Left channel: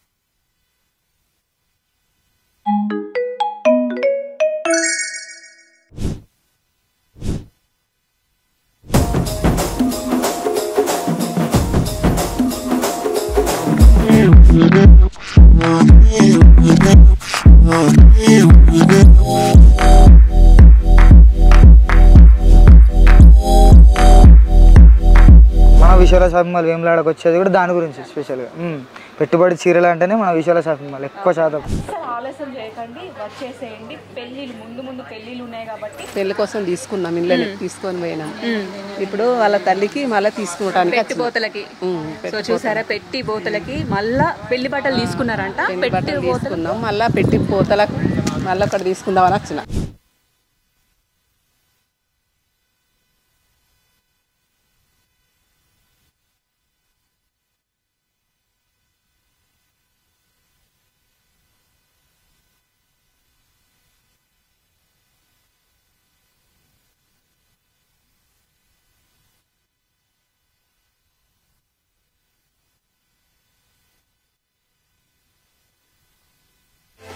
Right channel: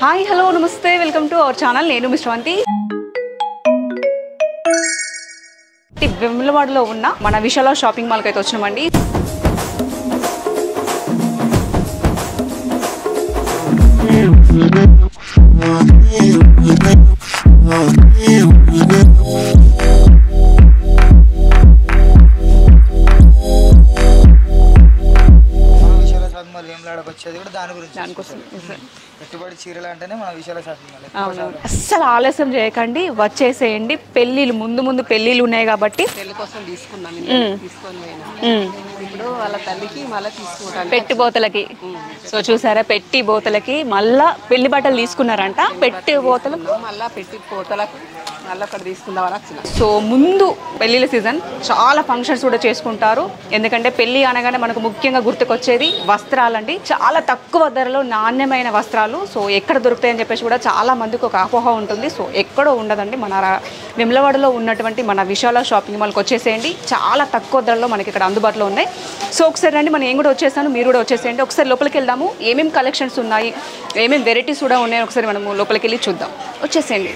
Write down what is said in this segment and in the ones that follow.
Hi hello నమస్తే welcome to our channel. నేను మీ శ్రవంతి. వెమ్లవాడలో ఉన్న మన విశాల షాపింగ్ మాల్కి అయితే వచ్చినామండి. మన విశాల షాపింగ్ మాల్ వేములవాడకు వచ్చేది కూడా దాని గురించి స్పెషల్గా పెట్టుబడి చీరలు అంటేనే మన విశాల షాపింగ్ మాల్ ఎక్కువ శాతం. అస్సలు ఆలస్యం చేయకండి, వచ్చేసేయండి. పెళ్ళిళ్ళు ముందు పెళ్ళిళ్ళు ఉన్నాయి కాబట్టి పెళ్లి కోసం తీసుకున్నాం, తీసుకొని పోయినాం. ఇప్పుడు వాళ్ళ తల్లికి మళ్ళీ తీసుకుంటాను పెట్టి బోతలకి. సో చూసారా, పెట్టి బోతలకి మళ్ళా పెళ్లి బట్టలు తీసుకున్నారంట. పెట్టి బోతలు మళ్ళీ పెట్టి బోతలకు మళ్ళీ అక్కడ తీసుకుందామని వచ్చిన. సో ముందు పెళ్ళిళ్ళ సీజన్ చాలా ఫంక్షన్స్ కూడా చేసుకుంటారు. ఎందుకంటే పెళ్ళి అనగానే మనకు ముఖ్యంగా గుర్తుకొచ్చేది వస్త్రాలండి. చాలా తక్కువ ధరలో నాణ్యమైన వస్త్రాలు. సో ఎక్కడ దొరుకుతాయని చెప్పేసి కూడా చాలా మందికి ఒక అపోహ ఉంటుంది. సో ఎక్కడో ఉండదండి, మన వెమ్లవాడలో ఉన్నటువంటి మన విశాల షాపింగ్ మాల్కి వచ్చేసేయండి. చాలా తక్కువ ధరలో మనకి ఇక్కడ అందుబాటులో ఉన్నాయి. సో ఒకసారి రండి, మనం ఏం కూడా వచ్చేసాను, మీరు కూడా వచ్చేసేయండి. ఒకసారి లోపలికి వెళ్దాము, ఏమేమి కలెక్షన్స్ ఉన్నాయి, ఏమేమి వెరైటీస్ కూడా ఉన్నాయి, ఒకసారి మనము లోపలికి వెళ్ళి చూద్దాం. వచ్చేసేయండి.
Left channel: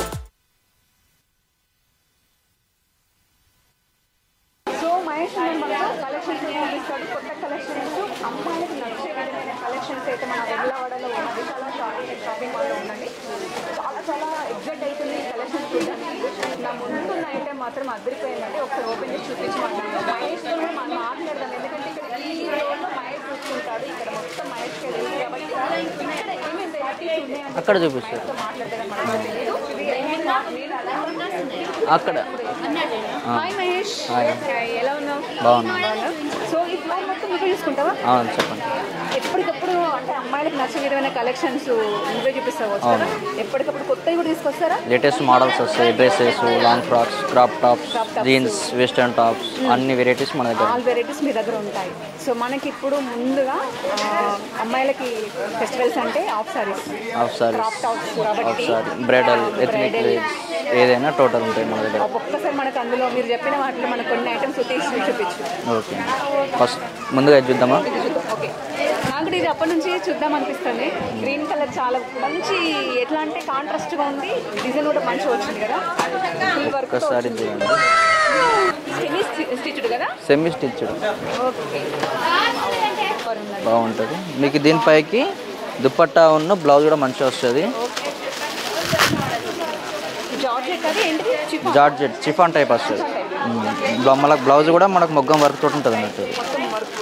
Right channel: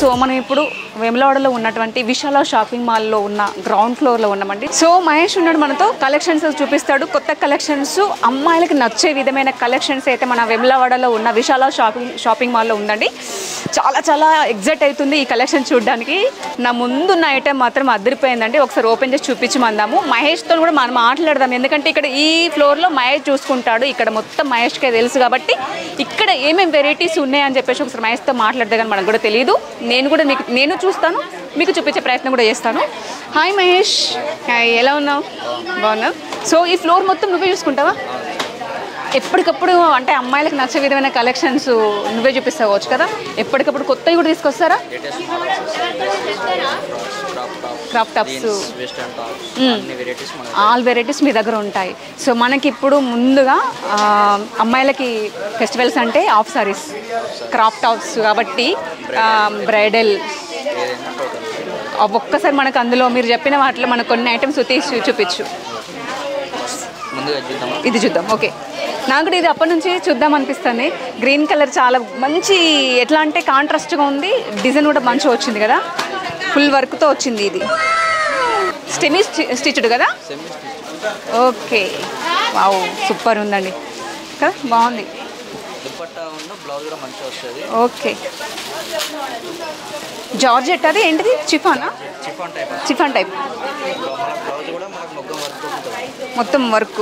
సో మనం ఇప్పుడు వెమ్లవాడలో ఉన్నటువంటి విశాల షాపింగ్ మాల్లో ఉన్న గ్రౌండ్ ఫ్లోర్లో ఉన్నామండి. సో మహేష్ ఉన్నాడు మనతో, కలెక్షన్స్ చూపిస్తాడు. కొత్త కలెక్షన్స్, అమ్మాయిలకి నచ్చే విధమైన కలెక్షన్స్ అయితే మన వెమ్లవాడలో ఉన్న విశాల షాపింగ్ మాల్లో ఉందండి. చాలా ఎగ్జైట్ అవుతుంది ఈ కలెక్షన్ చూడడానికి. నా ముందున్న ఐటెం మాత్రం అదిరిపోయిందండి. ఒకసారి ఓపెన్ చేసి చూపించమందాము. మహేష్తో కూడా మనం మాట్లాడదాం, ఎందుకంటే ఇక్కడ ఈ ఫ్లోర్లో మహేష్ చూసుకుంటాడు. ఇక్కడ మొత్తం మహేష్కే తెలుసు కాబట్టి ఇక్కడ ఏమేమి వెరైటీస్ ఉన్నాయని చెప్పేసి ఒకసారి మహేష్తో మాట్లాడదా కానీ మనకు కూడా తెలియదు. నేను చూస్తాను, మీకు చూపించే ప్రయత్నం కూడా చేస్తాను. హాయ్ మహేష్. హాయ్, ఎలా ఉన్నావు? బాగున్నావు. సో ఈ ఫ్లోర్ మొత్తం నువ్వే చూసుకుంటావా? ఎప్పటికప్పుడు అంటే అమ్మాయిలకు నచ్చే విధమైన కలెక్షన్స్ నువ్వే చూపిస్తావచ్చు కదా? ఎప్పటికప్పుడు కొత్తవి కూడా తీసుకొస్తారా? లేటెస్ట్ మోడల్స్ వస్తాయి, dresses, long frocks, crop tops, jeans, western tops, అన్ని వెరైటీస్ మన దగ్గర. ఆల్ వెరైటీస్ మీ దగ్గర ఉంటాయి. సో మనకి ఇప్పుడు ముందుగా అమ్మాయిలకి ఫెస్టివల్స్ అంటే హాఫ్ సారీస్, క్రాప్ టాప్స్ కాబట్టి బ్రైడల్ ఏదైనా టోటల్ ఉంటాయి మన దగ్గర. ఒక్కసారి మనకు అందులో మీరు చెప్పిన వాటిలో మనకు కొన్ని ఐటమ్స్ తీసి చూపించు. ఫస్ట్ ముందుగా చూద్దామా? ఇది చూద్దాం. ఓకే, నాకు కూడా ఇది అప్పటి నుంచి చూద్దాం అనిపిస్తుంది. గ్రీన్ కలర్ చాలా మంచి, ఎట్లా అంటే కాంట్రాస్ట్గా ఉంది. డిజైన్ కూడా మంచిగా వచ్చింది కదా, ఫుల్ వర్క్తో వచ్చింది. ఇది సెమీ స్టిచ్డ్ కదా? Semi stitched. Okay, wow, super ఉందండి. బాగుంటుంది. మీకు దీనిపైకి దుపట్టా ఉన్న బ్లౌజ్ కూడా మంచిగా వస్తుంది. ఓకే, జార్జెట్ అది ఏంటిది? Georgette chiffon type. Chiffon type. మనకు బ్లౌజ్ కూడా మనకు మొగ్గం వర్క్ తోటి ఉంటుంది అన్నట్టు. మొత్తం వర్క్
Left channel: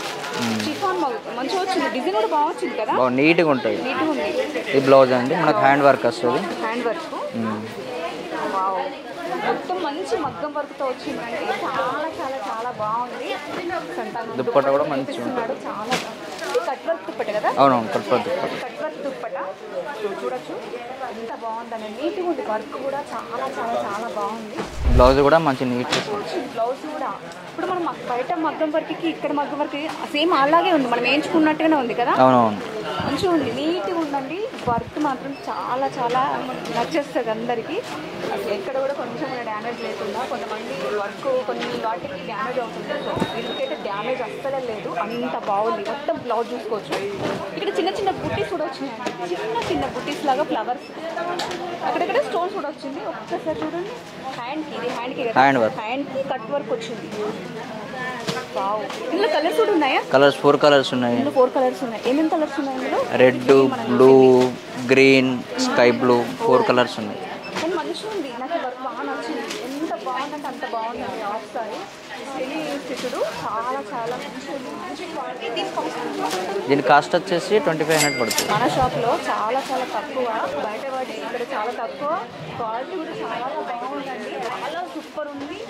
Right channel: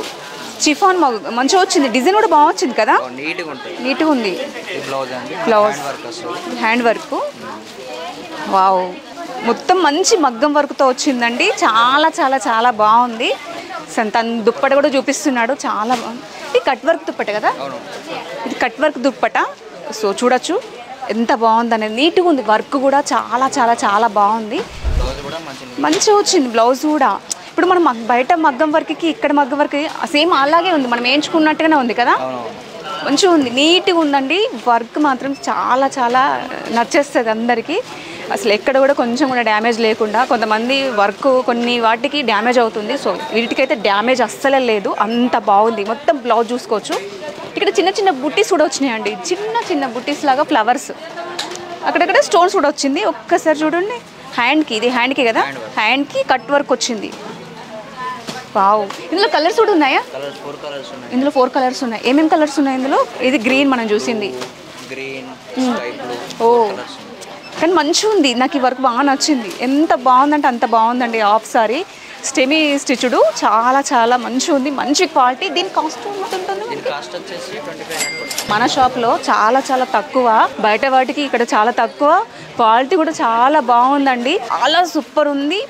చిఫాన్ మంచిగా వచ్చింది. డిజైన్ కూడా బాగా వచ్చింది కదా, నీట్గా ఉంటుంది. నీట్గా ఉంది. ఈ బ్లౌజ్ అండి, హ్యాండ్ వర్క్ వస్తుంది. Hand work. వావ్, మొత్తం మంచి మగ్గం వర్క్తో వచ్చిందండి. చాలా బాగుంది. తన దుప్పట కూడా చూపిస్తున్నాడు, చాలా బాగుంది. ఇది కట్ వర్క్ దుప్పట కదా? అవును, ఇది కట్ వర్క్ దుప్పట. సో చూడొచ్చు ఎంత బాగుంది అనేది, నీట్గా ఉంది. వర్క్ కూడా చాలా బాగుంది. బ్లౌజ్ కూడా మంచిగా వచ్చింది. బ్లౌజ్ కూడా ఇప్పుడు మనం బయట మగ్గం వర్క్కి ఇక్కడ మగ్గం వర్క్ సేమ్ అలాగే ఉంది, మనం వేయించుకున్నట్టుగానే ఉంది కదా. మంచిగా ఉంది, నీట్గా ఉందండి. వర్క్ మాత్రం చాలా నచ్చేస్తుంది అందరికీ. అసలు ఎక్కడ కూడా కొంచెం కూడా డ్యామేజ్ లేకుండా, కొంతమంది వర్క్ కొన్ని వాటికి డ్యామేజ్ అవుతుంది. సో వీటికైతే డ్యామేజ్ అస్సలే లేదు, అంత బాగుంది. మొత్తం బ్లౌజ్ చూసుకోవచ్చు. ఇక్కడ చిన్న బుట్టీస్ కూడా వచ్చినాయండి, చిన్న బుట్టీస్ లాగా ఫ్లవర్స్, అక్కడక్కడ స్టోన్స్ కూడా వచ్చింది. ఒక్కసారి చూడండి, హ్యాండ్కి, ఇది హ్యాండ్కి కదా, హ్యాండ్కి కట్ వర్క్ వచ్చింది. వావ్, ఇందులో కలర్స్ కూడా ఉన్నాయా? కలర్స్ 4 కలర్స్ ఉన్నాయి. ఇందులో 4 కలర్స్ ఉన్నాయి. ఏమేమి కలర్స్ ఉన్నాయి ఇందులో? ఇది గ్రీన్ మనం చూసింది, గ్రీన్, స్కై బ్లూ, 4 కలర్స్ ఉన్నాయి. కానీ మంచిగా ఉంది. నాకు ఈ వర్క్ బాగా నచ్చింది. ఎంత బాగుందంటే అంత బాగుందండి. హాఫ్ సారీ సెమీ స్టిచ్డ్, చాలా మంచిగా ఉంది, మంచి క్వాలిటీ. దీని కాస్ట్ వచ్చేసి 2500 పడుతుంది. మన షాప్లో చాలా తక్కువ, బయట వాటికి ఇక్కడ చాలా తక్కువ. క్వాలిటీ కూడా చాలా బాగుందండి, చాలా సూపర్ ఉంది.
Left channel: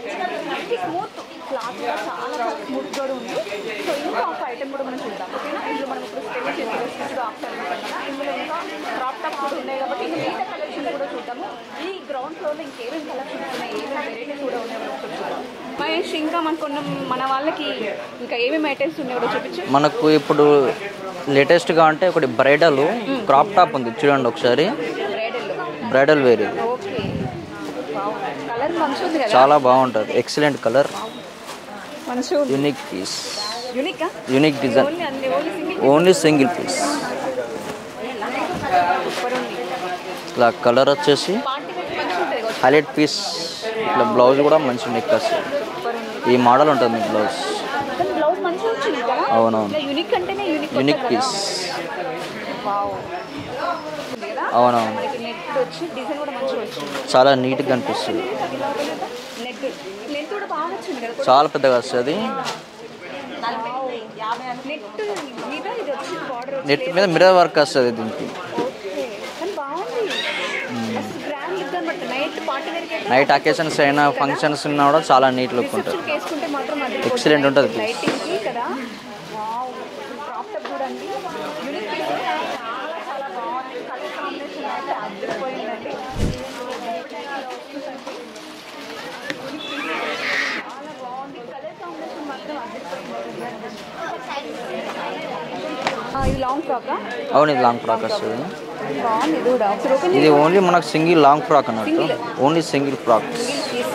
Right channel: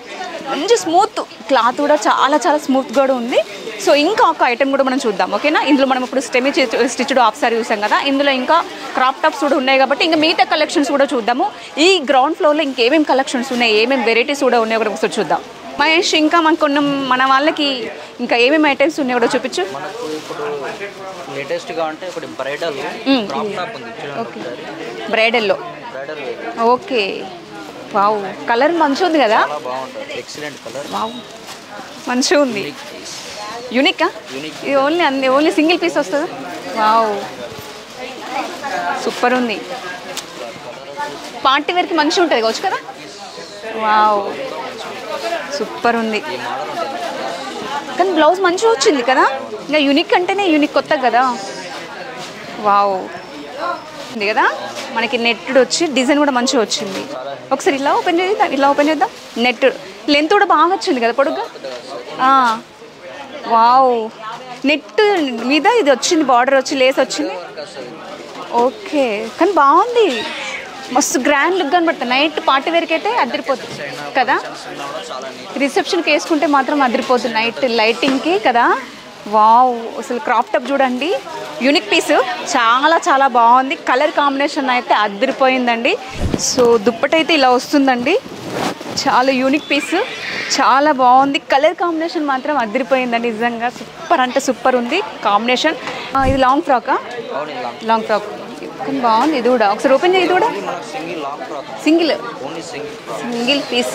మంచి స్మూత్ క్లాత్ కూడా చాలా స్మూత్ కూడా ఉంది. సో ఇంకా ఒక ఐటెం కూడా మనం చూద్దాం, ఓకేనా? ఇందులో మనం ఇప్పుడు సెమీ స్టిచ్డ్ హాఫ్ సారీ చూసాం కదా, ఇందులో ఇంకా క్రాప్ టాప్స్ కూడా ఉన్నాయి కాబట్టి ఇంకా మిగతా కలెక్షన్స్ కూడా చూద్దాము. ఈ గ్రౌండ్ ఫ్లోర్లో ఇంకేమేమి కలెక్షన్స్ ఉన్నాయి, ఏమేమి వెరైటీస్ కూడా ఉన్నాయో కూడా ఒకసారి చూద్దాం. మహేష్, ఇంకా మన వాళ్ళకి ఇంకా ఏమేమి ఐటమ్స్ ఉన్నాయో కూడా చూపించు. మనకు ఇప్పుడు లేటెస్ట్గా అంటే ఒకటి బ్రైడల్ క్రాప్ టాప్ ఉంది, చూడండి ఒకసారి. Bridal wear. Okay, wow, colour మంచిగా ఉంది కదా, చాలా బాగుంటుంది, ఎక్సలెంట్ కలర్. మంచిగా ఉంది. Unique piece. యూనికా? Unique only single piece. Only single piece. Wow super ఉంది. ఇలా కలర్ వచ్చేసి పార్టీ వేర్ కి మంచిగా ఉంటుంది కావచ్చు. Highlight piece. బ్లౌజ్ కూడా మంచి నెక్ వస్తుంది. సూపర్ ఉంది. ఈ మోడల్ ఉంటుంది బ్లౌజ్. కానీ బ్లౌజ్ మంచిగా వచ్చింది కదా. ఇంకా యూనిక్ అంటేనే యూనిక్ కొత్త కదా. వావ్ ఉంది కదా. మనకి నెట్ వచ్చి డిజైన్ కూడా మంచిగా వచ్చింది. చాలా నీట్. ఒకసారి ఇలా ఓపెన్ చేద్దాం. ఇలా ఓపెన్ చేద్దాం. నెట్ లెంత్ కూడా బాగా వచ్చింది కదా. చాలా పెద్దగా వస్తుంది. వావ్ నెట్ మీద ఇది వచ్చింది. బార్డర్ వచ్చి లేస్ వచ్చి మిర్రర్ వర్క్ వస్తుంది దీనికి. ఓకే కానీ బాగుంది. మస్తు గ్రాండ్ లుక్ కనబడుతుంది. నైట్ పార్టీ వేర్ కి అయితే అకేషన్స్ అయినా ఫంక్షన్స్ ఉన్నా కూడా చాలా నీట్. రిసెప్షన్ కి వేసుకుంటే మాత్రం అదిరిపోతుంది నైట్ లైటింగ్ కి కదా. వావ్ అసలు క్రాప్ టాప్ చూడండి. యూనిక్ పీస్ చాలా చాలా బాగుంది. కలర్ కాంబినేషన్ అయితే అదిరిపోయిందండి. సో దుప్పటి అయితే ఇలా వస్తుందండి. చాలా యూనిక్ పీస్, చాలా బాగుంది. కలర్ కాంబినేషన్ మాత్రం అదిరిపోయిందండి. నిజంగా సూపర్ అంటే సూపర్ ఉంది కాంబినేషన్. ఇది లాంగ్ ఫ్రాకా? అవును ఇది లాంగ్ ఫ్రాక్. బాగుంది ఇది కూడా. ఒకసారి ఓపెన్ చేయండి. ఓన్లీ మనకు సింగిల్ లాంగ్ ఫ్రాక్ అన్న. Single only single frock. Single piece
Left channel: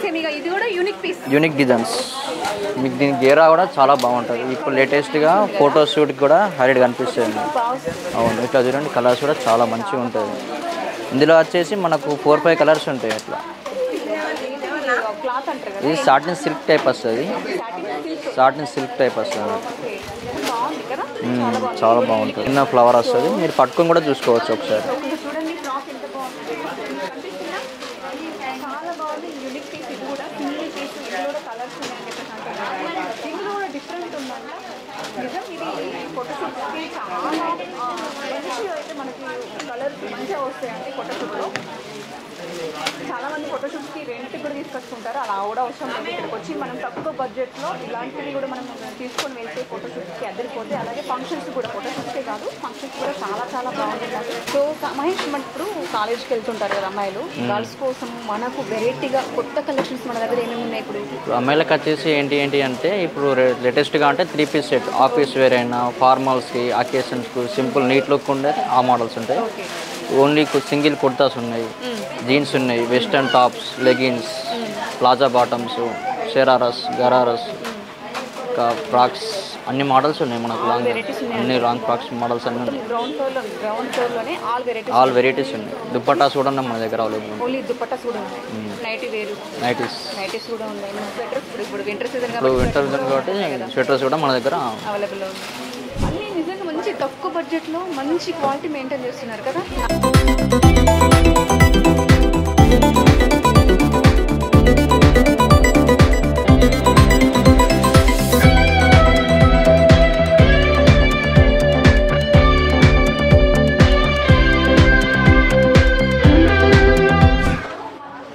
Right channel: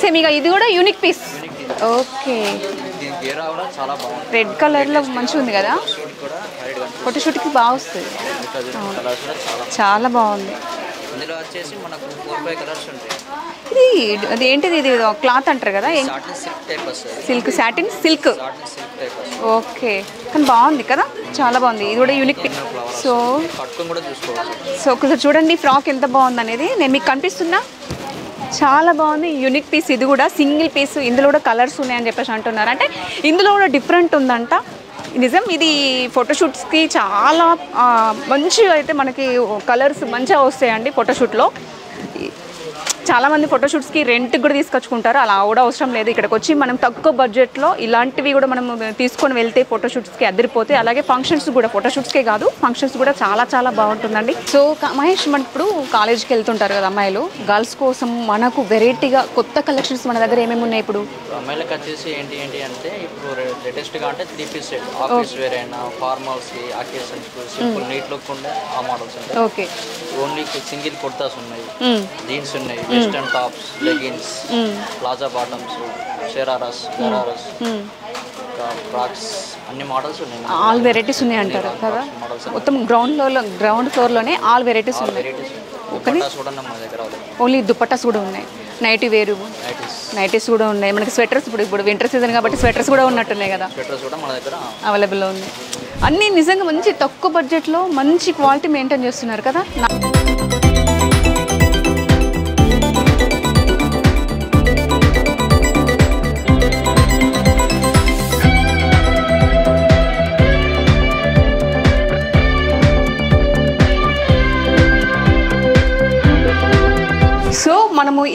same. ఇక ఇది కూడా unique piece. Unique design. Okay మీకు దీని గేరా కూడా చాలా బాగుంటుంది. రెడ్ కలర్ లేటెస్ట్ గా ఫోటో షూట్ కూడా హైలైట్ కనిపిస్తుంది. ఫోటో షూట్ కి బాగా వస్తుంది. అవును ఇట్లా చూడండి కలర్స్ కూడా చాలా మంచిగా చాలా బాగుంది. ఇందులో వచ్చేసి మనకు 4-5 కలర్స్ ఉంటాయి అట్లా. ఇది ఏంటిది? ఇది క్లాత్ అంటారు కదా. సాటిన్ సిల్క్ టైప్ వస్తుంది. Silk satin silk. Satin silk type వస్తుంది. ఓకే కానీ బాగుంది కదా. చాలా బాగుంది. ఇది కూడా యూనిక్ ఫ్లవర్ వస్తుంది. మీరు పట్టుకొని కూడా చూసుకోవచ్చు ఒకసారి. సో ఒకసారి చూడండి ఫ్రాక్ ఎంత బాగుంది అనేది. నేను మీకు కనిపిస్తున్నా. చాలా బాగుంది. Unique piece. ఇది కూడా సింగిల్ పీస్. ఇందులో కూడా కలర్స్ ఉన్నాయని చెప్పేసి అంటున్నారు. అంటే ఇందులో కూడా డిఫరెంట్ ఉందంట. నిజం ఇది ఫోటోషూట్స్కి చాలా మంచిగా అయితే మనకి కలర్స్ మంచిగా వస్తాయండి ఫోటోషూట్లో. చాలామంది ఫోటోషూట్స్కి రెంట్కి కూడా తీసుకొచ్చుకుంటారు. అలా కూడా అవసరం లేదు. ఇక్కడికి వచ్చి మనం తక్కువ బడ్జెట్లో ఇలాంటివి కూడా మనం తీసుకొని వెళ్తే ఫోటోషూట్స్కి అదిరిపోతే. అలాగే ఫంక్షన్స్ కూడా ఫోటోషూట్స్కే కాదు ఫంక్షన్స్ కూడా చాలా చాలా బాగుంటుందండి. సో మహేష్ మన ఇప్పుడు కాలేజ్కి వెళ్తుంటారు కదా అమ్మాయిలు. గర్ల్స్ కోసం మనకు వెరైటీగా కొత్త కలెక్షన్స్ మన దగ్గర ఏమేమి ఉన్నాయి ఇప్పుడు? అమ్మాయిలకు వచ్చేసి ఏంటి అంటే ఇప్పుడు లేటెస్ట్గా అంటే 3 పీస్ సెట్. ఆఫీస్ వేర్ అయినా ఫార్మల్స్కి అకేషన్స్కి సింపుల్ నీట్ లుక్ ఉండే ఆ మోడల్స్ ఉంటాయి. ఓకే ఓన్లీ సింగిల్ కుర్తాస్ ఉన్నాయి, జీన్స్ ఉన్నాయి, western tops, leggings, palazzo bottoms, shararas, ghararas, frocks అన్ని మోడల్స్ ఉన్నాయి. ఆల్ వెరైటీస్ ఉన్నాయి. మోడల్స్ మొత్తం గ్రౌండ్ ఫ్లోర్లోనే ఆల్ వెరైటీస్ ఉన్నాయి. దుపట్టాస్ కూడా మన దగ్గర ఓన్లీ దుపట్టాస్ కూడా ఉన్నాయి. నైటీ వేరు నైటీస్ కూడా ఉన్నాయి. మనకి స్వెటర్స్ ఇప్పుడు వింటర్ సీజన్ కాబట్టి స్వెటర్స్ కూడా ఉన్నట్టున్నాయి కదా. స్వెటర్స్ కూడా మన దగ్గర అవైలబుల్లో ఉంది. అన్నీ నిజంగా మంచి తక్కువ బడ్జెట్లో మంచి క్వాలిటీ మెయింటైన్ చేస్తున్నారు కదా.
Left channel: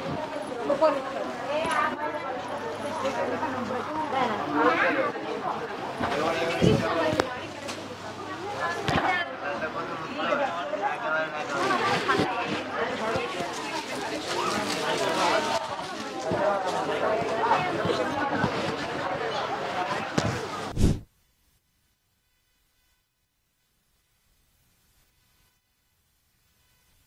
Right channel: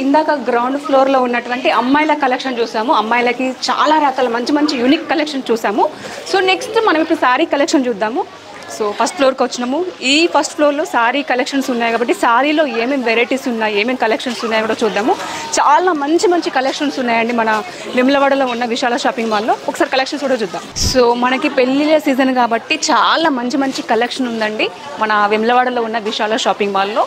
ఇందాక గ్రౌండ్ ఫ్లోర్లో ఉన్నటువంటి అమ్మాయిల కలెక్షన్ చూసాము. అమ్మాయిలకి చాలా రకాల మంచి మంచి యూనిక్ కలెక్షన్ చూసాము. సో నెక్స్ట్ మనం ఇప్పుడు శారీ కలెక్షన్ చూద్దాము. సో ఫస్ట్ ఫ్లోర్కి వచ్చినాము. ఈ ఫస్ట్ ఫ్లోర్లో శారీ కలెక్షన్స్ ఉన్నాయి కాబట్టి శారీలో ఏమేమి వెరైటీస్ ఉన్నాయి, ఏమేమి కలెక్షన్స్ ఉన్నాయో కూడా చూద్దాము. చాలా మంచి మంచి కలెక్షన్స్ ఉన్నాయండి మన వేములవాడలో ఉన్న విశాల షాపింగ్ మాల్లో. ఒకసారి కలెక్షన్స్ కూడా చూద్దాం. సో మనకి పెళ్ళిళ్ళ సీజన్ కాబట్టి చాలా మంచి మంచి కలెక్షన్ ఉందండి మన వేములవాడలో ఉన్న విశాల షాపింగ్ మాల్లో.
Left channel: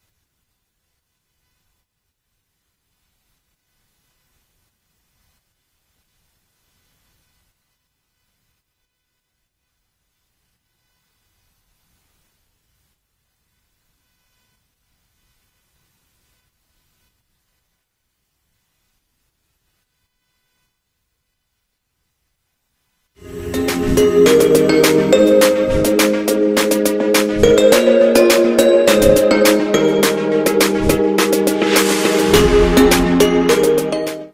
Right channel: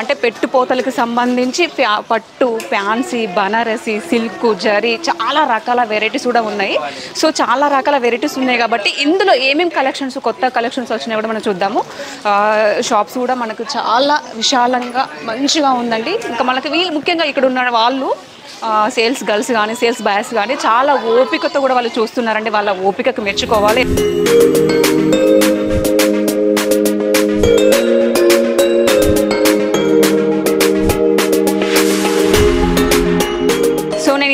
అంటే పెట్టుపోతలకు సంబంధించి పట్టు, ఫ్యాన్సీ, బనారసి, సిల్క్, జరీ చాలా రకాల వెరైటీస్ కూడా ఉన్నాయి. సో చాలా రకాల వెరైటీస్ ఉన్నాయి కాబట్టి ఇందులో ఏమేమి కలెక్షన్స్ కొత్త కలెక్షన్స్ వచ్చినాయి కూడా మనం చూద్దాము. షాప్స్ కూడా మనకు చాలా విశాలంగా మంచిగా ఉందండి. ఇంకా మనకి ముఖ్యంగా ఇక్కడ ఉన్న వాళ్ళు సేల్స్ గర్ల్స్ కానీ సేల్స్ బాయ్స్ కానీ చాలా ఓపికతో కూడా వాళ్ళు చూస్తున్నారండి. వాళ్ళ ఓపికకు మెచ్చుకోవాలి.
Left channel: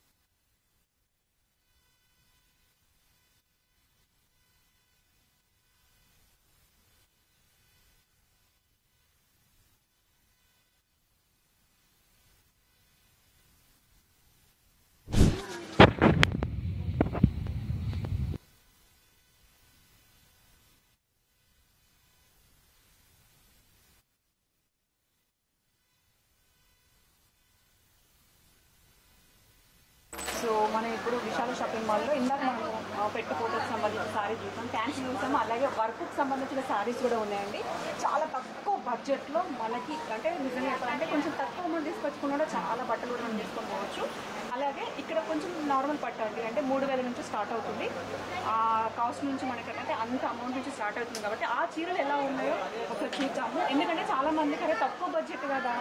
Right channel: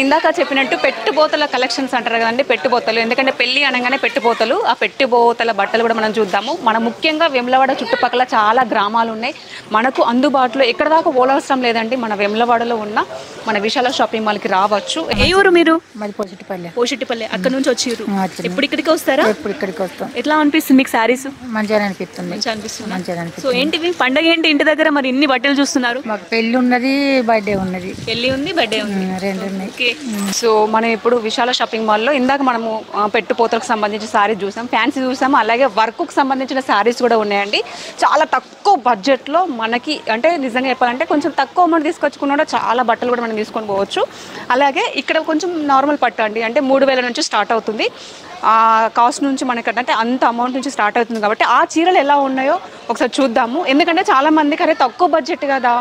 ఇందాక చెప్పినట్టు పెట్టుబోతల కలెక్షన్స్ అంటారు కదండి. పెట్టుబోతలు ఎందుకంటే పెళ్ళి అనగానే పెట్టుబోతలు. ఆ పెట్టుబోతల బట్టలు కూడా మనం చూద్దాము. మనం ముఖ్యంగా వేములవాడ చుట్టుపక్కల చాలా గ్రామాలు ఉన్నాయి. మనకు అందుబాటులో ఎక్కడ దాకా ఓలవసరం లేదండి. మన వేములవాడలో ఉన్న మన విశాల షాపింగ్ మాల్కి రావచ్చు. ఏ ఊరు మీరు? పోషిటిపల్లె. అక్కడ నుంచి వచ్చిర్రు. ఎప్పుడు ఇక్కడికి వస్తారా? ఎప్పుడు ఇక్కడికి వస్తాం. ఎట్లా అనిపిస్తుంది మీకు శారీస్? మంచిగా అనిపిస్తుంది. మంచిగా అనిపిస్తుంది. సో ఏంటివి పండగ ఏంటి ఇంటి దగ్గర మరి ఇన్ని బట్టలు చూస్తున్నారు? మాకు పెళ్లి ఉన్నది, బర్త్డే ఉన్నది. పెళ్లి ఉంది, బర్త్డే ఉంది, రెండు ఉన్నాయి. సో మనం ఇప్పుడు విశాల షాపింగ్ మాల్లో ఇందాక మనము పెట్టుపోతలకు సంబంధించిన శారీస్ చూసాం, ఫ్యాన్సీ చూసాము, అలాగే వర్క్కు సంబంధించిన శారీస్ కూడా ఉన్నాయండి. చాలా తక్కువ బడ్జెట్లో మనకి అంటే నిజంగా చెప్పాలంటే కొంచెం తక్కువ అమౌంట్ తీసుకొచ్చుకున్నా చాలా బట్టలు కూడా మనం తీసుకొని పోవచ్చు. అలాగే ఇక్కడ కొంచెం నార్మల్ పట్టు అండి, అంటే 3000 నుంచి స్టార్ట్ అవుతుంది. ఆ కాస్ట్ నుంచి మనకి అంటే అంత అమౌంట్ నుంచి స్టార్ట్ అవుతుంది కాబట్టి ఆ చీరలు ఎలా ఉన్నాయో ఒకసారి చూద్దాము. ఎందుకంటే చాలామందికి అరే తక్కువ బడ్జెట్ కదా,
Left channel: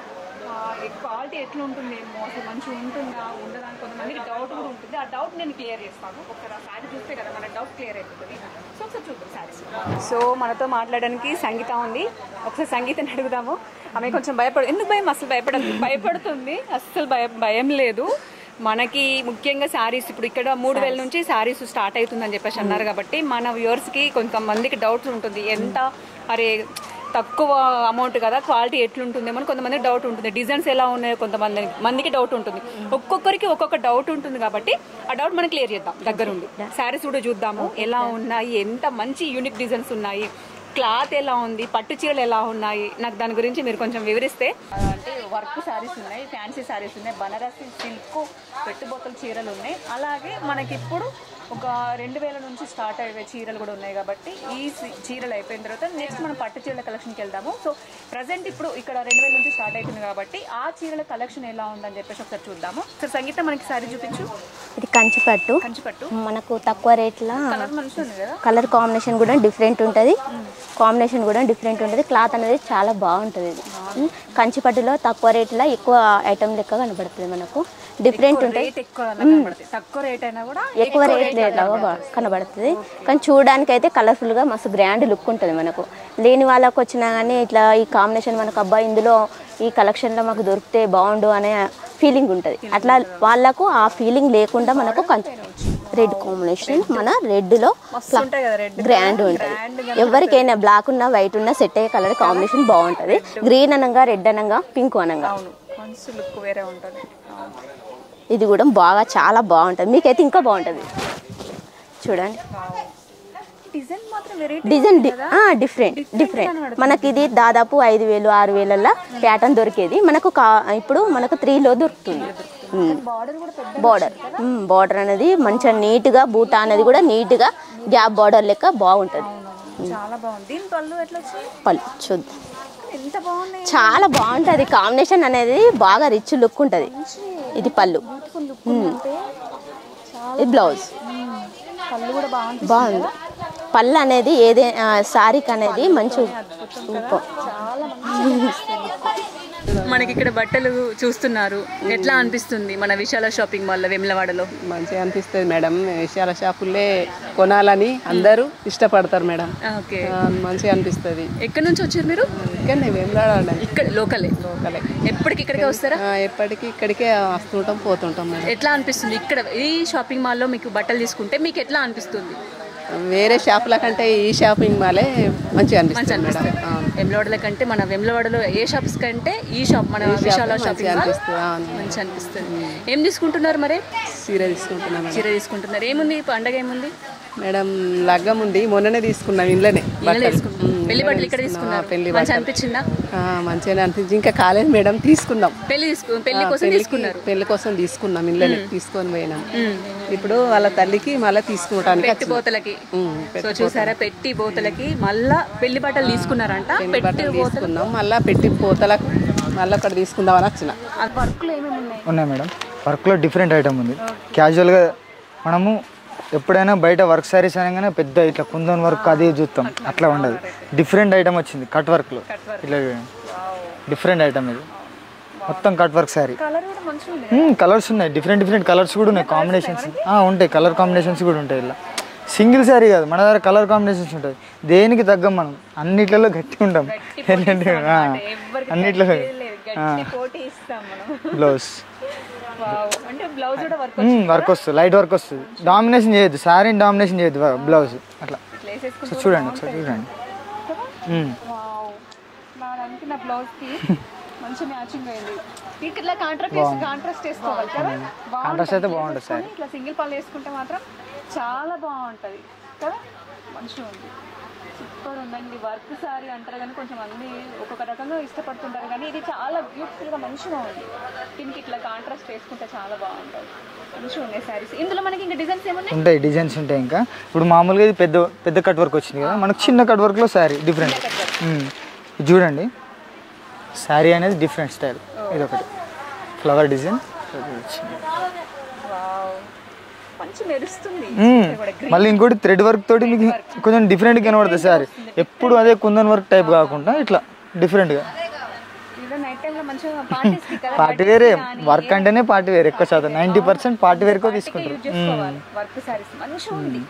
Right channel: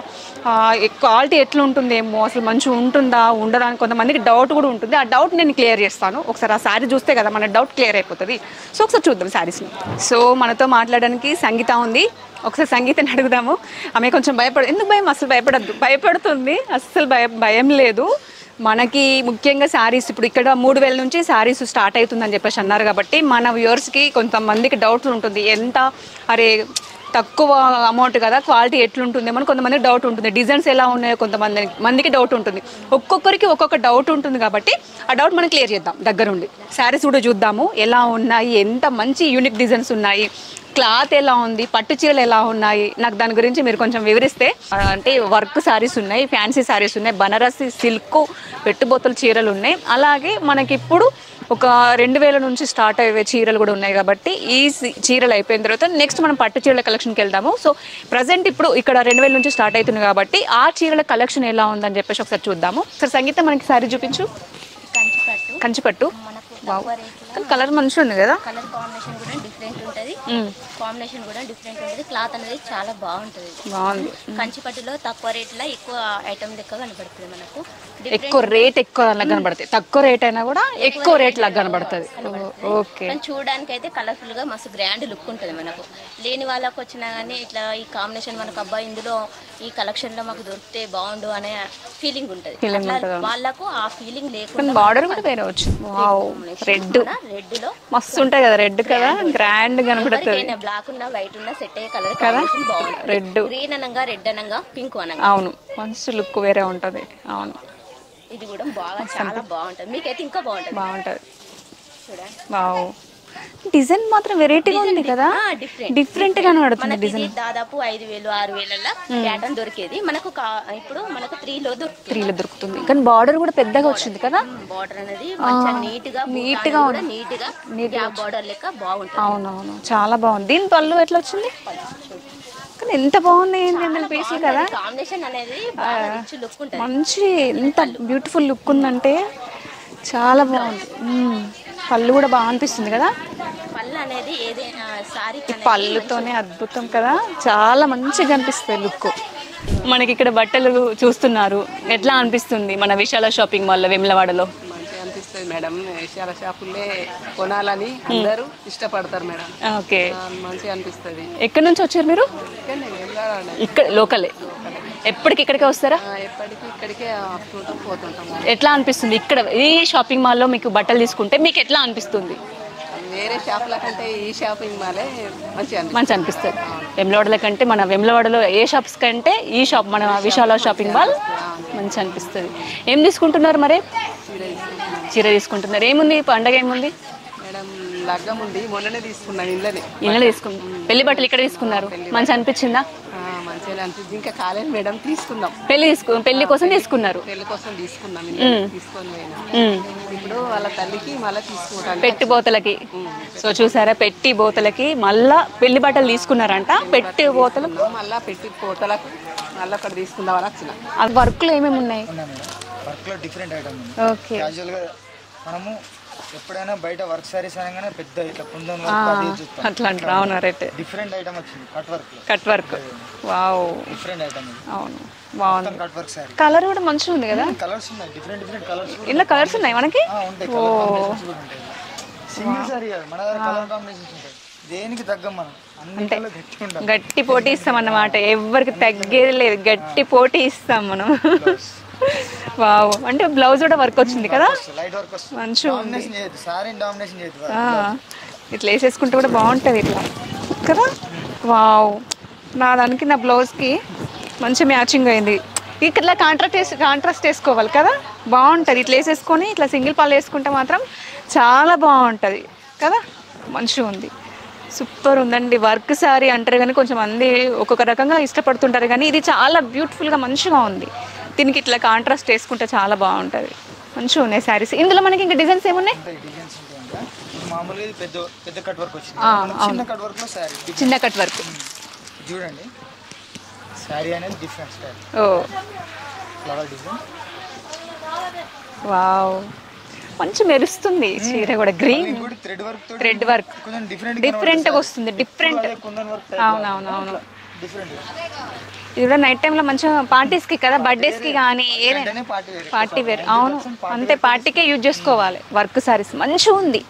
క్వాలిటీ ఎట్లా ఉంటుందేమో, అసలు మంచిగా ఉంటుందా ఉండదా అని కొంతమందికి డౌట్ కూడా ఉంటుంది. ఆ డౌట్ నేను క్లియర్ చేస్తాను. ఒకసారి ఆ శారీ చూస్తే కదా మన డౌట్ క్లియర్ అయిపోతుంది. సో ఒకసారి చూద్దాం శారీస్ని. సో మనతో మాట్లాడడానికి సంగీత ఉంది. ఒకసారి సంగీతని అడుగుదాము. ఆమె కొంచెం ఎందుకు భయం? అసలు భయపడుతుంది. అస్సలు భయం లేదు. మనకి ముఖ్యంగా శారీస్ ఇప్పుడు ఇక్కడ 3000 నుంచి శారీస్ స్టార్ట్ అవుతుందని చెప్పేసి అన్నారు కాబట్టి మన వ్యూవర్స్కి కొంతమందికి డౌట్ ఉంటుంది. ఎంత అరే తక్కువ అమౌంట్ కదా, క్వాలిటీ ఎట్లుంటుందేమో అని కొంతమందికి డౌట్ ఉంటుంది. డిజైన్స్ ఎలా ఉన్నాయో కొంతమందికి డౌట్ ఉంటుంది. ఒక్కొక్కరికి ఒక్కొక్క డౌట్ ఉంటుంది కాబట్టి ఆ డౌట్ మనం క్లియర్ చేద్దాం దగ్గరుండి. శారీస్ కూడా చూద్దాము ఎలా ఉన్నాయి, ఎంత మంచి యూనిక్ డిజైన్స్ ఉన్నాయి, క్లాత్ ఎలా ఉంది, పట్టు చీరలు ఎలా ఉన్నాయి, నాకు దాని గురించి మీరు కొంచెం వివరిస్తే. అంటే వర్క్ శారీస్ ఉన్నాయి, ఫ్యాన్సీ శారీస్ ఉన్నాయి, బనారసి సిల్క్ పెట్టుబోతల చీరలు ఉన్నాయి. అలాగే మనకి ఇప్పుడు ఒక 2000 నుంచి స్టార్ట్ అయ్యే చీరలు కూడా ఉన్నాయి కాబట్టి ఈ చీరలు అయిపోయిన తర్వాత నెక్స్ట్ మనం పట్టు చీరల కలెక్షన్కి వెళ్దాము. సో ప్రజెంట్ ఇప్పుడు ఇక్కడ 2000 నుంచి స్టార్ట్ అవుతుంది కాబట్టి ఆ చీరల కలెక్షన్ ఎలా ఉందని చెప్పేసి ఒకసారి చూద్దాము. సార్ సంగీత మనకి సారీ చూపించు. ఇది కంచిపట్టు మనకు తక్కువ రేట్లో కలర్ మంచిగా ఉంది కదా, కలర్ కాంబినేషన్ కూడా డిఫరెంట్ ఉంటుంది. క్లాత్ అనేది చాలా బాగుంటుంది. కంచిపట్టులో తక్కువ రేట్లో ఎక్కువ ఐటమ్ లెక్క కనబడుతుంది. మనకు డిఫరెంట్ రేట్ ఎక్కువ కనబడుతుంది, తక్కువ రేట్ అయినా కూడా ఎక్కువ రేట్ కనబడుతుంది. కానీ చూడడానికి అయితే కలర్ఫుల్ గా మస్తు గ్రాండ్ లుక్ ఉంటుంది. మనకు లేని వాళ్ళకు వచ్చినా కానీ ఇట్లా ఈ కాంబినేషన్ మనకు అబ్బాయి ఇందులో ఈ కలెక్షన్ లో మాకు దొరికితే బాగుండు అనే ఫీలింగ్ ఉంటది. అట్లా వాళ్ళకు ఆ ఫీలింగ్ లేకుండా రెడ్ లో ఎవరికైనా బ్లాక్ ఉన్నా వైట్ ఉన్నా సెట్ అయ్యే కలర్ కాంబినేషన్ బాగుంటది. గ్రీన్ అనగా రెడ్ అనగా పింక్ అనగా అవును మంచి లుక్ వేరే ఉంటది. అవును ఇది కూడా బాగా చాలా బాగుంటది. మీకైతే ఇంకా బాగుంటది. చూడండి డిజైన్ మాత్రం వెరైటీ డిఫరెంట్ మనకి ఇది దాదాపు 5000 6000 ప్యాటర్న్ దొరికేది మనకు. ఇప్పుడు మనకు 3లో దొరుకుతుంది. కానీ బార్డర్ కూడా పెద్దగా వచ్చింది కదా. బార్డర్ అనేది మంచిగా నీట్ గా బూటా అనేది కూడా నీట్ గా గ్యాప్ బార్డర్ లెక్క బాగుంటుంది. అవునవును చాలా బాగుంది. దీని పళ్ళు ఎట్లా వచ్చింది? పళ్ళు చూద్దాం. ఎంత బాగుంది, చాలా బాగుంటది. కాంబినేషన్ అనేది బాగా రిచ్ లుక్ ఉంటది. మంచి పళ్ళు బ్యూటిఫుల్ లుక్ ఉందంటే చాలా. బ్లౌజ్ పళ్ళు కూడా బాగా అనిపిస్తుంది కదా. పళ్ళు అనేది ఏదే సారీకి అనేది మంచి అద్భుతం కదా, చాలా మంచిగా అనిపిస్తుంది లుక్. మనకి ఇక్కడ బట్టలు చూస్తున్నారు, ఎట్లా అనిపిస్తుంది మన విశాల షాపింగ్ మాల్లో వేములవాడలో? మంచిగా అనిపిస్తుంది మేడం. విశాల షాపుల్లే కొనాలని అందరూ ఇష్టపడతారు మేడం. ఓకే మంచిగా అనిపిస్తుంది. ఎక్కడి నుంచి వచ్చారు మీరు? ఇక్కడ లోకలే. ఎప్పటికి ఇక్కడికే వస్తారా? ఎప్పటికి ఇక్కడికే వస్తుంటాం పోతుంటాం. ఎట్లా అనిపిస్తుంది ఇక్కడ ఈ షాపింగ్ మాల్లో మీకు బట్టలు తీసుకుంటే మీకు ఎట్లా అనిపిస్తుంది? వేరే షాపుల కంటే ఈ షాపింగ్ మాలే మంచిగా అనిపిస్తుంది. వేములవాడల కంటే మన వేములవాడలో ఏ షాప్స్ కంటే ఈ షాప్ మన విశాల షాపింగ్ మాల్ మంచిగా అనిపిస్తుంది. ఏం తీసుకుంటున్నారు మరి? చీర తీసుకుంటున్నారు. ఏముంది పండగ ఏముంది మేడం? లగ్గం ఉంది, మొన్ననే తీసుకున్నాం. ఇళ్ళనే తీసుకున్నాం. పెళ్లి బట్టలు ఇక్కడ తీసుకున్నారు. మంచిగా అనిపించిందా? మంచిగానే అనిపించింది. ఇంకా కాలేదు మేడం, తీసుకున్నాం. పెళ్లి కోసం తీసుకున్నారు? పెళ్లి కోసం తీసుకున్నాం. ఇళ్ళనే తీసుకొని పోయినాం. ఇప్పుడు వాళ్ళ తల్లికి మళ్ళీ తీసుకుంటాను పెట్టి బోతలకి. సో చూసారా, పెట్టి బోతలకి మళ్ళా పెళ్లి బట్టలు తీసుకున్నారంట. పెట్టి బోతలు మళ్ళీ పెట్టి బోతలకు మళ్ళీ ఒకటి తీసుకుందామని వచ్చిన. వర్క్ లో ఏమేమి ఉన్నాయి మేడం? వర్క్ లో డిఫరెంట్ ఐటమ్ ఉంది. క్యాజువల్ గా మనము ఎప్పుడైనా బయట వర్క్ సారీస్ అనగానే పెద్ద ఇట్లా కుందన్ వర్క్ అది చూస్తాం. అట్లా డిఫరెంట్ ఐటమ్ వచ్చింది కట్ వర్క్ లో. డిఫరెంట్ ఐటమ్ ఇది, మొత్తం కట్ వర్క్ సారీ. కలర్ కూడా మంచిగా ఉంది కదా. కలర్స్ ఉన్నాయి, డిఫరెంట్ కలర్స్ కూడా ఉంటాయి. కలర్ కాంబినేషన్స్ కూడా ఉంటాయి. ఇలా సింగిల్ సారీ కాదు, మన దగ్గర కలర్ కాంబినేషన్స్ ఉంటాయి. దేనికి తగ్గం మనం అన్నిటిలో గట్టి ఉంటాం. గట్టి పోటీ ఇస్తాం అన్నమాట. ఎవరికి తగ్గేది లేదు, గట్టి పోటీ ఇస్తాం మనం. బ్లౌజ్ వావ్, అంటే బ్లౌజ్ కూడా వర్క్ వచ్చింది కదా. వర్క్ వస్తుంది, లైట్ వర్క్ వస్తుంది. డామినేషన్ చేయొద్దు, సారీని డామినేషన్ చేయొద్దు బ్లౌజ్. అట్లా ఇట్లా వేసేసుకుంటే కూడా బాగుంటది ఇట్లా కదా. వావ్, నా దానికి నా బ్లౌజ్ కి మంచి మ్యాచింగ్ అయింది. ఇట్లా కాంట్రాస్ట్ వేసుకోవాలి కదా, బాగుంటది. ఇట్లా వేసేసుకొని ఇట్లా సింగిల్ పాలు వేసుకుంటే మాత్రం చాలా బాగుంటది కదా. మంచిగా ఉంది, సూపర్ ఉందండి. వర్క్ శారీ అంటారు కానీ కొంచెం మంది ఒక్కొక్క రకంగా ఇష్టపడుతుంటారు, కానీ ఇది చాలా బ్యూటిఫుల్గా మంచిగా ఉంది. దీనికి ఇట్లా కాంట్రాస్ట్ వేసుకుంటే చాలా బాగుంటుంది. మంచిగా ఉన్నాయి శారీస్. ఇందులో మనకి ఇంకా డిజైన్స్ ఏమున్నాయి? ఉంటాయి, డిజైన్స్ ఉంటాయి. ఇంకా ఇప్పుడు మామూలుగా ఇది పెద్ద పెద్ద కట్ వర్క్ వచ్చింది కదా, మనకు చిన్న కట్ వర్క్లో శారీ డిఫరెంట్. చిన్న కట్ వర్క్ చూడండి, శారీ అనేది different style, flower design. Wow, మంచి మెరుస్తుంది చీర కూడా. గ్రీన్ మళ్ళీ ఇంకోటి థ్రెడ్ వర్క్ తోటి కొంచెం డిఫరెంట్ గా కనబడుతుంది వస్తుంది. సార్. ఎప్పుడు అదే కుందన్ వర్క్ టైప్ కాకుండా ఇట్లా డిఫరెంట్ గా. ఇది కూడా నైట్ టైం లో మంచిగా పార్టీస్ కి కదా, బర్త్డేస్ కి గానీ వర్క్ అంటేనే పార్టీ వేర్ ఎక్కువ శాతం 90% పార్టీ వేర్ పార్టీకే యూజ్ చేసుకోవాలి. వర్క్ సారీస్ మంచిగా ఉంది.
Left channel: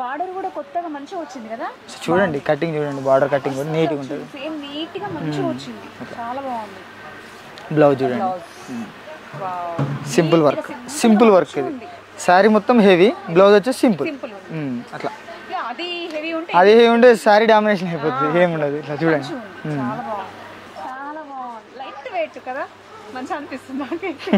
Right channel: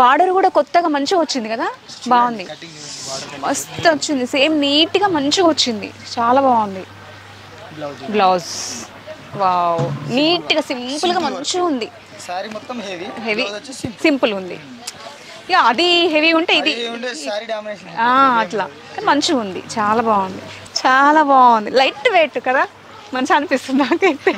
బార్డర్ కూడా కొత్తగా మంచిగా వచ్చింది కదా, చూడండి కటింగ్ చూడండి, బార్డర్ కటింగ్ మస్తు వచ్చింది. సేమ్ నీట్ గా మంచిగా వచ్చింది, చాలా బాగుంది. Blouse blouse wow, simple neat గా వర్క్, సింపుల్ వర్క్ ఉంది. సారీ మొత్తం హెవీ, బ్లౌజ్ వచ్చేసి సింపుల్ సింపుల్ ఉంది. అట్లా యా, అది హెవీ ఉంటే అది హెవీ ఉంటే సారీ డామినేషన్ అయిపోతుంది. మంచిగా ఉంది, చాలా బాగుంది, చాలా బాగుంది. లైట్ వెయిట్ కదా, మంచిగా అనిపిస్తుంది నాకైతే.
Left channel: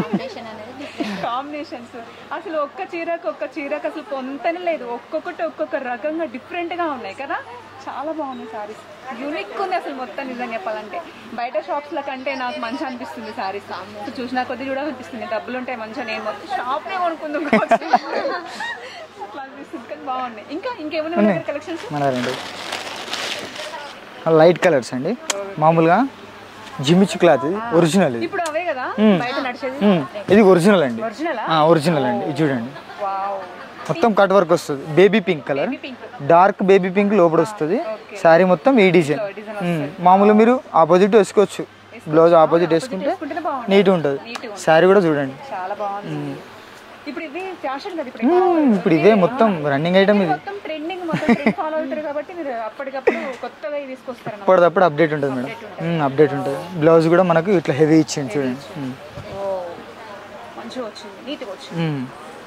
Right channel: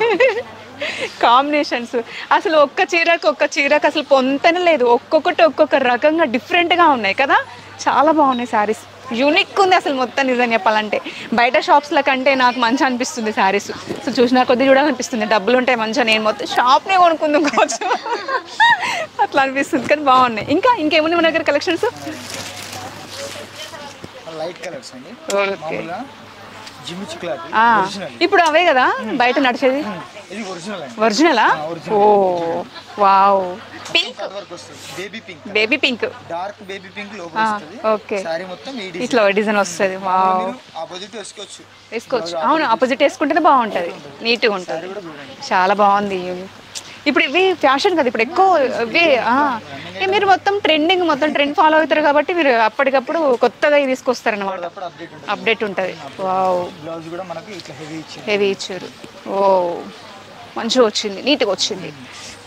కాంబినేషన్స్ అసలు ఒక్క చీరకు అసలు పొంతనే లేదు. ఒక్కొక్కటి ఒక్కొక్క రకంగా డిఫరెంట్గా ఉన్నాయి కదా, చాలా బాగున్నాయి శారీస్. యూనిక్ ఉంది అసలు మొత్తం. నిజం చెప్పాలంటే బయట షాప్స్ల కంటే నాకు మంచిగా అనిపిస్తుంది శారీస్. సో చూసినా కొద్ది చూడాలనిపిస్తుంది. డబ్బులు ఉంటాయి మంచిగా, నేను మొత్తం షాప్నే కొనుక్కుందాం కావచ్చు అట్లా అనిపిస్తుంది. కానీ బాగున్నాయి. ఇంకేమున్నాయి మన దగ్గర కలెక్షన్స్? లైట్ కలర్స్ అండి, మామూలుగా జిమిచ్ క్లాత్ ఒరిజినల్. ఇప్పుడు అవే కదా బయట నడిచేది. ఇది ఒరిజినల్ అండి. ఒరిజినలా? ఒరిజినల్ చూడండి. వావ్, మొత్తం కట్ వర్క్ వస్తుంది. Baby pink colour, baby pink, dark baby pink లోపల వస్తుంది. సారీ మొత్తం ఈ డిజైన్ వస్తుంది. మామూలు మీరు ఆపోజిట్ వేసుకోవచ్చు, బ్లౌజ్ ఆపోజిట్ వేసుకుంటే బాగుంటుంది, నీట్ ఉంటుంది. నీట్గా ఉంటుంది. సారీ కూడా చూడండి చాలా బాగుంది. ఇప్పుడు ఇవి ఫ్యాషన్ కదా, ఇప్పుడు ఎక్కువ మీరు మొత్తం ట్రెండ్ ఫాలో అవుతారు కాబట్టి మీరు అప్పటికప్పుడు కొత్తగా తీసుకొస్తారు అన్నమాట. అప్పుడు అప్డేట్ ఉంటుంది, అప్డేట్ ఉంటుంది. బ్లౌజ్ కూడా మనకు ఇట్లా హెవీ ఇచ్చింది. ఓ, మంచిగా వచ్చింది, నీట్గా వచ్చింది,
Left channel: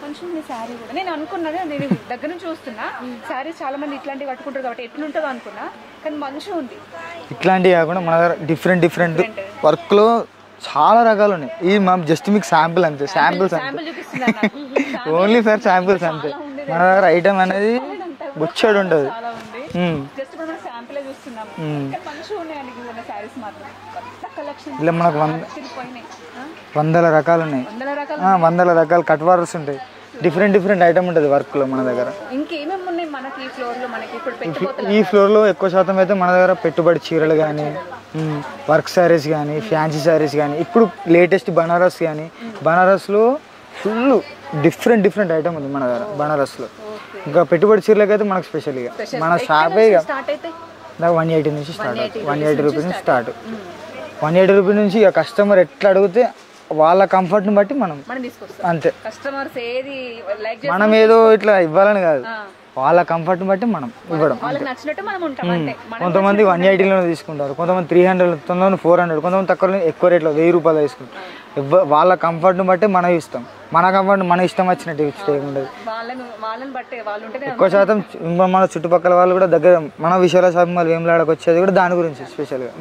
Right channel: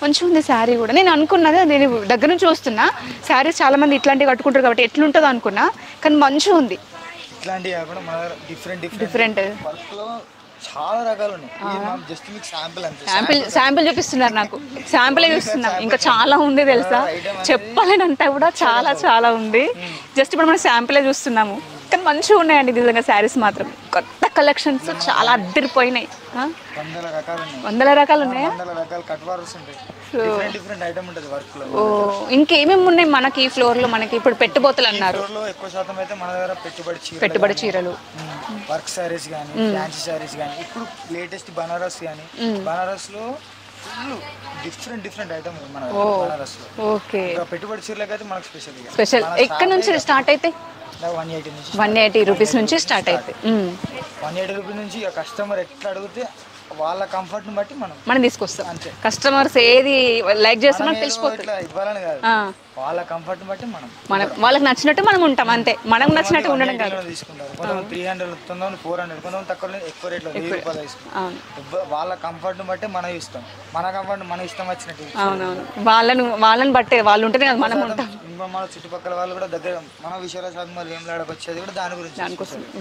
మంచిగా ఉంది శారీ కూడా. నేను అనుకున్నది, నేను దగ్గర నుంచి చూస్తున్నా శారీస్ చాలా మంది ఇట్లాంటివి కట్టుకుంటారు కాబట్టి ఎట్లుంటుందో అనుకున్నా, కానీ మంచిగా ఉంది. ఇట్లాంటివి కాకుండా మన దగ్గర డిఫరెంట్ వర్క్ లో చాలా రకాలు ఉన్నాయి. ఇది మనం జస్ట్ మీకు శాంపిల్ అంతే, శాంపిల్ చూపిస్తున్నారు నాకు. శాంపిల్ ఇంకా చాలా ఉంది తెలుసా, చెప్పాలంటే కూడా చాలా ఉంది. జస్ట్ ఇప్పుడు మనం శాంపిల్ చూస్తున్నాము, కానీ మంచిగా ఉన్నాయండి నిజంగా శారీస్ మాత్రం. కొత్త కలెక్షన్స్ చాలా అద్దరిపోయినాయి. వందల రకాలు ఉన్నాయి, వందల రకాల కట్ వర్క్స్ ఉంటాయి. డిఫరెంట్ ఐటమ్ ఉంటుంది వర్క్ లో మన దగ్గర. ఇంకేమేమి ఉన్నాయి మనకి ఈ ఫ్లోర్ లో? మనకి ఇప్పుడు పెట్టుబోతులు ఈ ఫ్లోర్ లో ఎక్కువ శాతం అయితే మన దగ్గర పెట్టుబడి చీరలు, వర్క్ సారీస్ కానీ, ఫ్యాన్సీ సారీస్ కానీ, ఇప్పుడు లేటెస్ట్ బనారస్ కానీ, బనారస్ లో ఫుల్ డిఫరెంట్ ఐటమ్ ఉంది మన బనారస్ లో. ఇంకా పెట్టుబడి చీరలకు అయితే మనకు స్పెషల్ గా స్టార్ట్ అయితే 180 రూపీస్ నుంచి స్టార్ట్. 180 రూపీస్ నుంచి ఇక కస్టమర్ ఎట్లా అడిగితే వాళ్ళ కంఫర్ట్ ని బట్టి మనం తీసుకొస్తాం అంతే. కస్టమర్స్ ఏది లైక్ చేస్తాం, మనం ఏదో ఇట్లా ఇవ్వాలని కాదు, వాళ్ళ కంఫర్ట్ బట్టి మనం వాళ్ళకి నచ్చినట్టు మనం ఉంటాం అంతే. కొంతమంది 180 లో తీసుకుంటారు, కొంతమంది 300, కొంతమంది 400, కొంతమంది తక్కువ ఎక్కువ రేట్లో 1000 రూపాయలు తీసుకుంటారు. వాళ్ళ కంఫర్ట్ ని బట్టి మనం ఇస్తాం, మన కంఫర్ట్ మన ఇష్టం వచ్చినట్టు వాళ్ళని బట్టే వాళ్ళు ఉంటే. ఎక్కువ శాతం మన చుట్టుపక్కల వాళ్ళు కూడా దగ్గర మన విశాల షాపింగ్ మాల్ వేములవాడకి వచ్చేది కూడా దాని గురించి స్పెషల్ గా.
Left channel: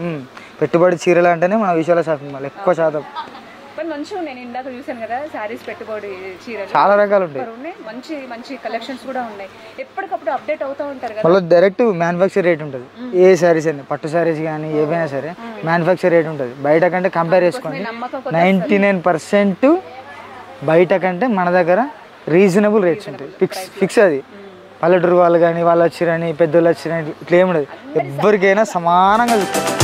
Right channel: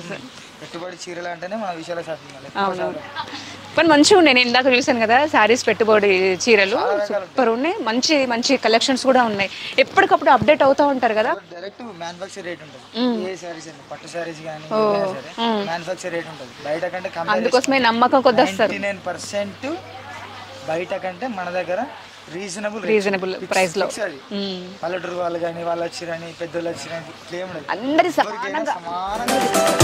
పెట్టుబడి చీరలు అంటేనే మన విశాల షాపింగ్ మాల్ ఎక్కువ శాతం. కానీ మంచిగా ఉన్నాయి. నేను ఇందాక చూసాను కదా శారీస్, పెట్టుబడి చీరలు చాలా రకాలు ఉన్నాయి. మంచి కలెక్షన్స్ కూడా ఉన్నాయి. ఎప్పటికప్పుడు అప్డేట్ అవుతూ ఉంటారు కదా. డైరెక్ట్ మ్యానుఫ్యాక్చర్ రేట్ ఉంటుంది. ఏ సారీస్ అని, పట్టు సారీస్ కానీ ఏవైనా సరే మ్యానుఫ్యాక్చర్ రేట్ ఉంటుంది. బయట కంటే కంపేర్ చేసుకుంటే 99% బయట కంటే మన దగ్గర రీజనబుల్ ఫిక్స్. అది పల్లెటూరు వాళ్ళు కానీ వాళ్ళు వచ్చిరని, పెద్దోళ్ళు వచ్చిరని ఇట్లా ఏముండదు, ఎవరికైనా సమానంగా తీసుకుంటారు.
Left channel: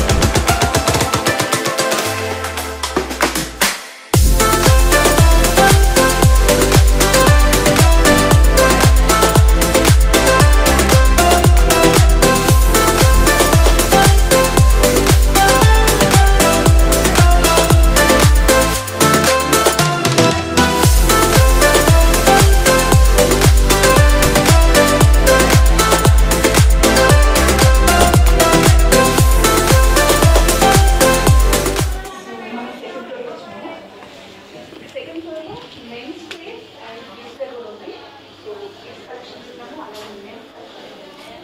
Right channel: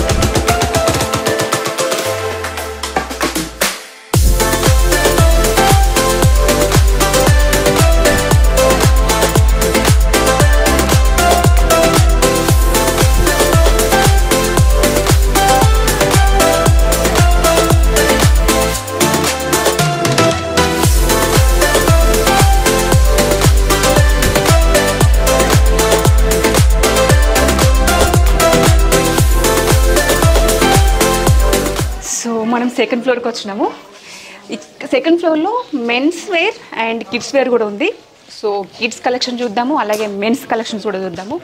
సెకండ్ ఫ్లోర్కి వచ్చినాము. సెకండ్ ఫ్లోర్లో men's wear and kids wear కూడా ఉంది. సో కిడ్స్ కలెక్షన్ చూద్దాము, అలాగే మెన్స్ కలెక్షన్స్ కూడా చూద్దాము.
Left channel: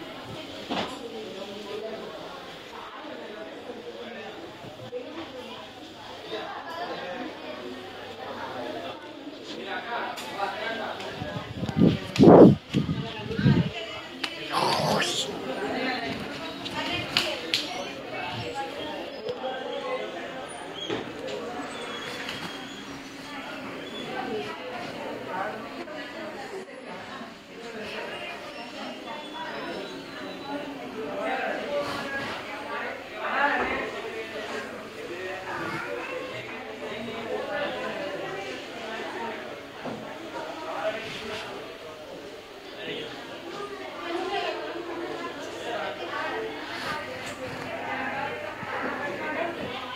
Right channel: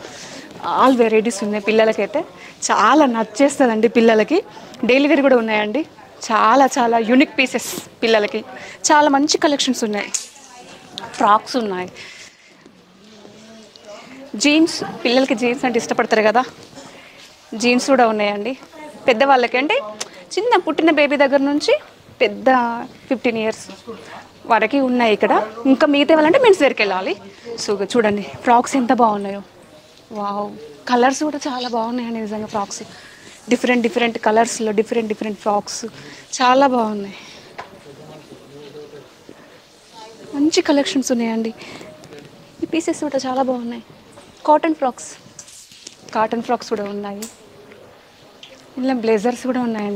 ఆల్ వెరైటీస్ ఉన్నాయి. పిల్లలకైతే చాలా నచ్చేస్తుందండి. పిల్లలకి డైలీ వేర్ కూడా ఉన్నాయండి. చాలా యూనిక్ పీసెస్ పిల్లలకి. చాలా మంచి కలెక్షన్స్ ఉన్నాయి. ఫ్రాక్స్ ఉన్నాయి, జీన్స్, పిల్లలకి జీన్స్ అంటే ఇష్టపడతారు కదా, జీన్స్ కూడా ఉన్నాయండి. పెద్దవాళ్ళకి అంటే చిన్న పుట్టిన బేబీ దగ్గర నుంచి పెద్ద 15 years వరకు ఉన్నాయి ఇక్కడ. ఇంకా మిగతా వాళ్ళంటే మెన్స్ వేర్కి వెళ్ళాలి. సో చూడండి ఫ్రాక్స్ ఎంత బాగున్నాయో. వావ్, కలర్స్ కూడా చాలా బాగున్నాయి నిజంగా. ఫ్రాక్స్ డిఫరెంట్ కలర్స్లో డిఫరెంట్ ఫ్రాక్స్ చాలా బాగున్నాయి. మంచి కలెక్షన్స్ ఉన్నాయండి. ఈ పీసెస్ కూడా చాలా బాగున్నాయి. కాటన్ ఫ్రాక్స్ కూడా ఉన్నాయి. ఇలా బ్లేజర్స్ కూడా ఉన్నాయండి.